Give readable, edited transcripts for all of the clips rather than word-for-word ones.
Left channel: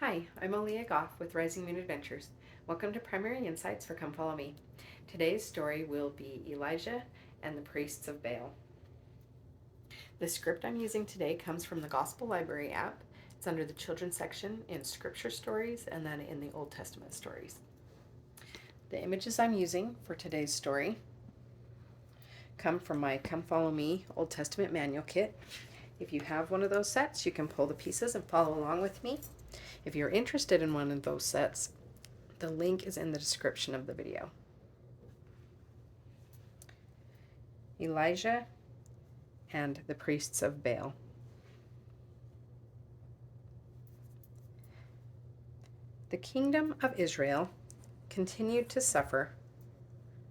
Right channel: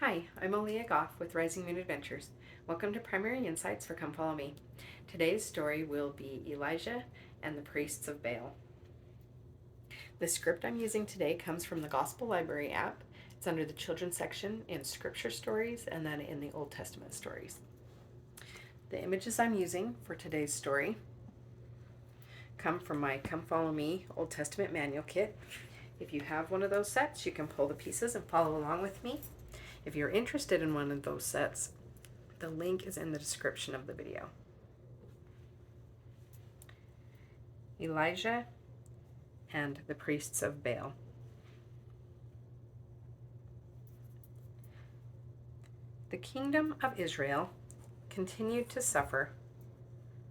Hi, I'm Aaliyah Goff with Rising Moon Adventures. Welcome to Primary Insights for Come Follow Me. Today's story will be Elijah and the Priests of Baal. The script I'm using today comes from the Gospel Library app. It's under the children's section in Scripture Stories and then in the Old Testament stories. The images I'm using for today's story come from my Come Follow Me Old Testament manual kit. If you have one of those sets, you can pull the pieces and follow along with me. If you're interested in one of those sets, the link is in the description of the video. Elijah and the Priests of Baal. The kingdom of Israel continued to suffer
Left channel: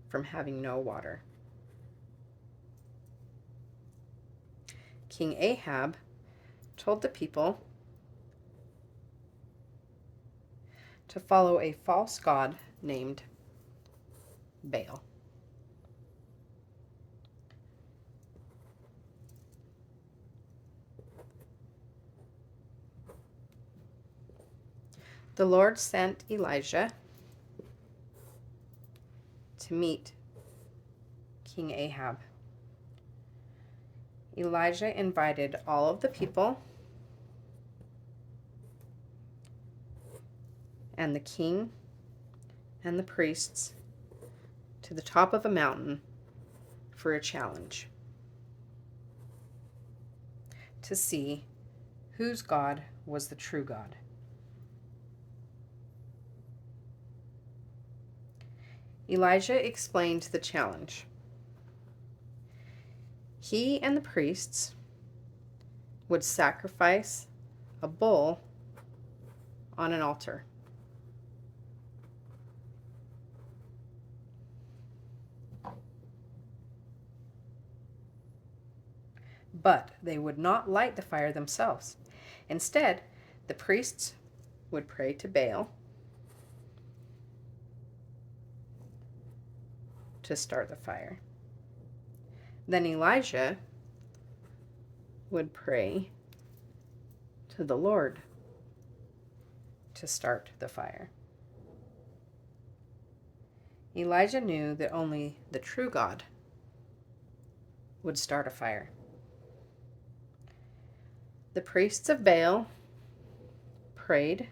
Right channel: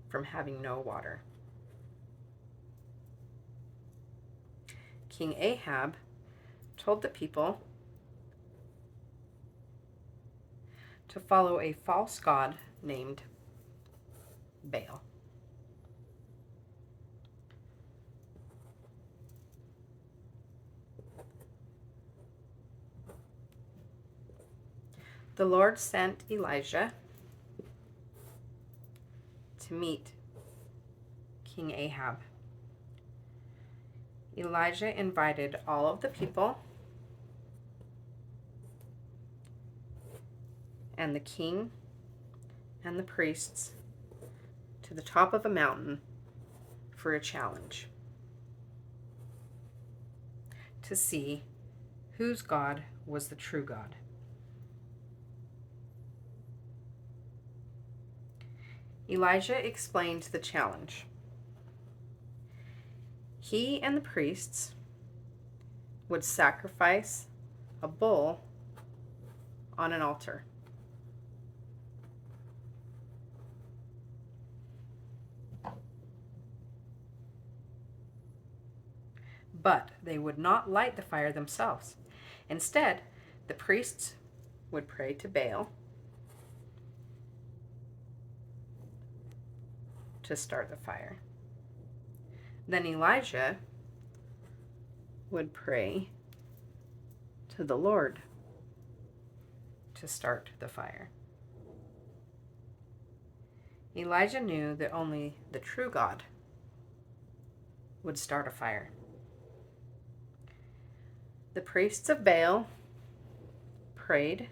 from having no water. King Ahab told the people to follow a false god named Baal. The Lord sent Elijah to meet King Ahab. Elijah invited all of the people and the king and the priests to the top of a mountain for a challenge to see whose God was the true God. Elijah explained the challenge. He and the priests would sacrifice a bull on an altar. But they would not light the fire themselves. Instead, the priests would pray to Baal to start the fire. Then Elijah would pray to the Lord to start the fire. Elijah knew that only the true God would start a fire. The priests of Baal prayed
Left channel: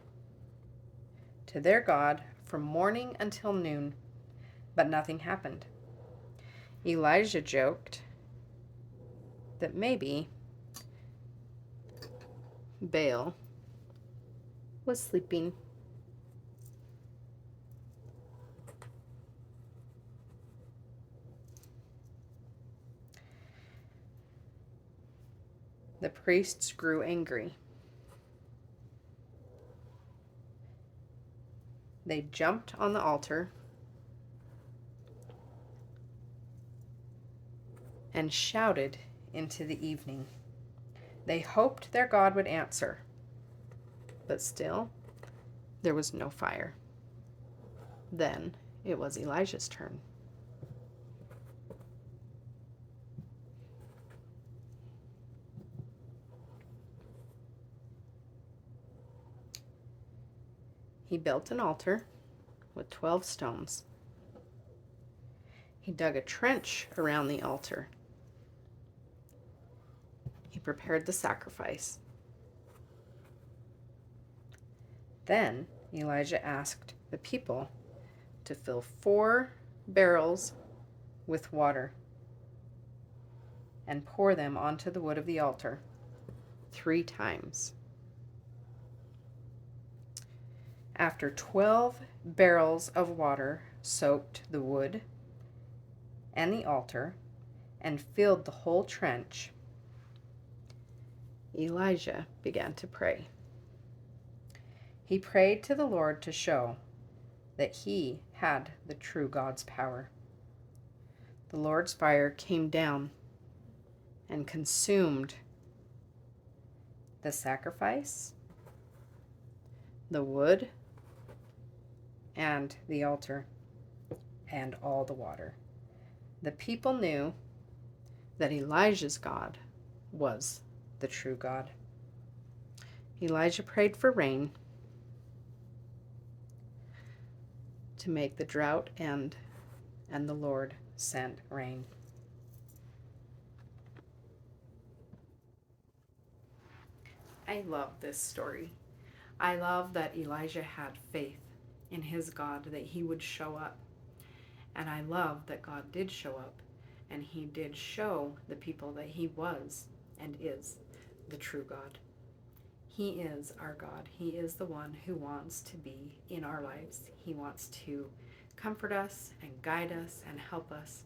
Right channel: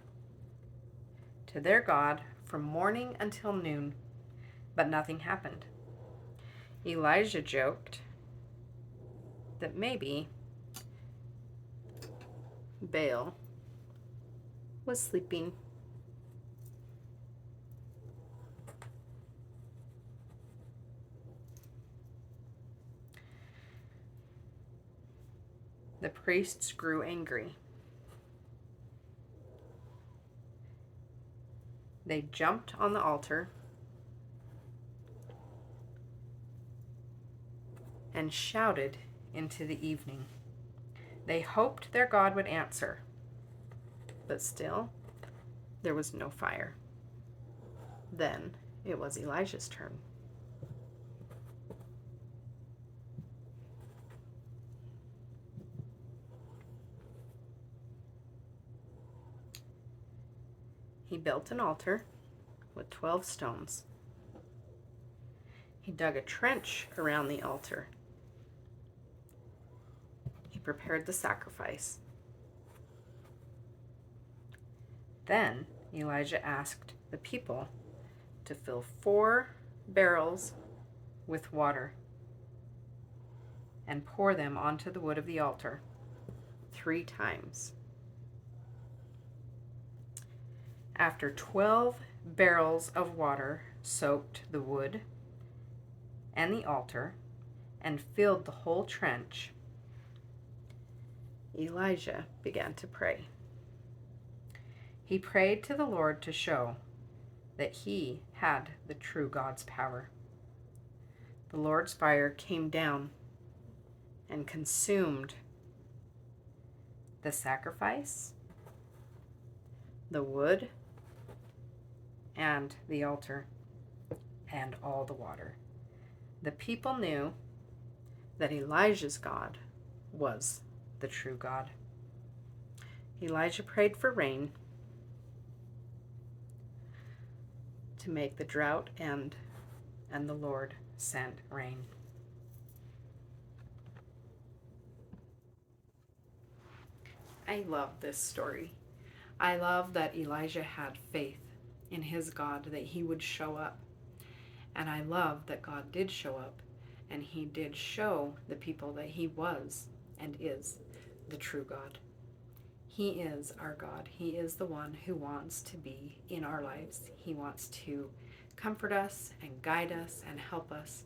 to their God from morning until noon, but nothing happened. Elijah joked that maybe Baal was sleeping. The priests grew angry. They jumped on the altar and shouted into the evening. They hoped their God would answer, but still, there was no fire. Then it was Elijah's turn. He built an altar with 12 stones. He dug a trench around the altar. He prepared the sacrifice. Then Elijah asked the people to fill 4 barrels with water and pour them onto the wood of the altar 3 times. After 12 barrels of water soaked the wood and the altar and filled the whole trench, Elijah began to pray. He prayed to the Lord to show that he had the true God's power. The Lord's fire came down and consumed the sacrifice, the wood, and the altar, and all the water. The people knew that Elijah's God was the true God. Elijah prayed for rain, to make the drought end, and the Lord sent rain. I love this story. I love that Elijah had faith in his God that he would show up. And I love that God did show up, and he did show the people that he was and is the true God. He is our God. He is the one who wants to be in our lives. He wants to comfort us and guide us and help us.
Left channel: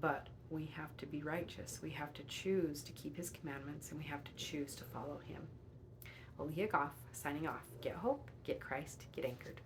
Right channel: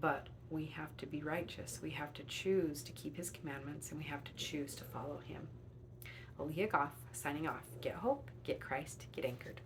But we have to be righteous. We have to choose to keep his commandments, and we have to choose to follow him. Aaliyah Goff, signing off. Get hope, get Christ, get anchored.